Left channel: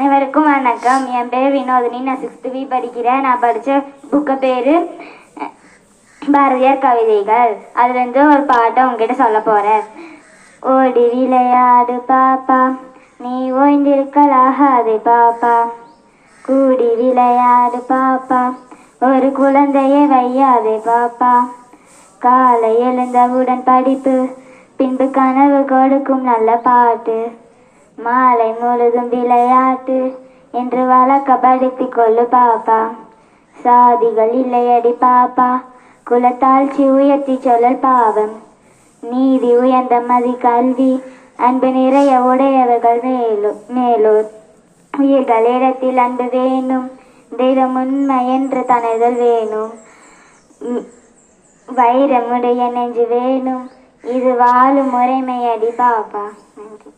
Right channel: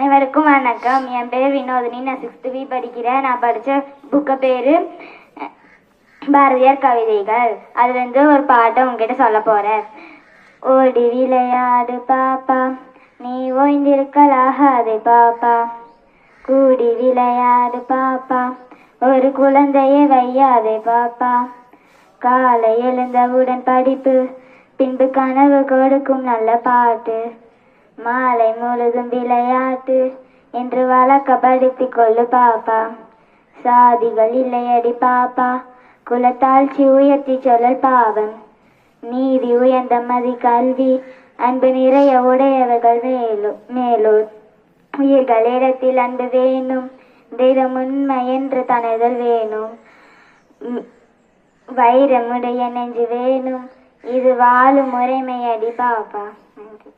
அனைவருக்கும் வணக்கம். என் பேர் வினோதினி. நான் 6th B படிக்கிறேன். நான் படித்த புக்கு பேர் பாரதியார் கவிதைகள். அதுலேருந்து ஒரு பாட்டை உங்ககிட்ட சொல்ல போகிறேன். ஓடி விளையாடு பாப்பா, நீ ஓய்ந்திருக்கலாகாதே பாப்பா. கூடி விளையாடு பாப்பா, ஒரு குழந்தையை வையாதே பாப்பா. காலை எழுந்தவுடன் படிப்பு, பின்பு கனவு கொடுக்கும் நல்ல பாட்டு. மாலை முழுதும் விளையாட்டு என்று வழக்கப்படுத்திக் கொள்ளு பாப்பா. சாதிகள் இல்லையடி பாப்பா, குலத்தாழ்ச்சி உயர்த்தி சொல்லல் பாவம். நீதி உயர்ந்த மதி கல்வி, அன்பு நிறைய உடையவர்கள் மேலூர். உயிர்கள் இடத்தில் அன்பு வேணும், தெய்வம் உண்மை என்று தனதல் வேணும். வைரமுடைய நெஞ்சு வேணும், இது வாழும் முறைமையடி பாப்பா. நன்றி.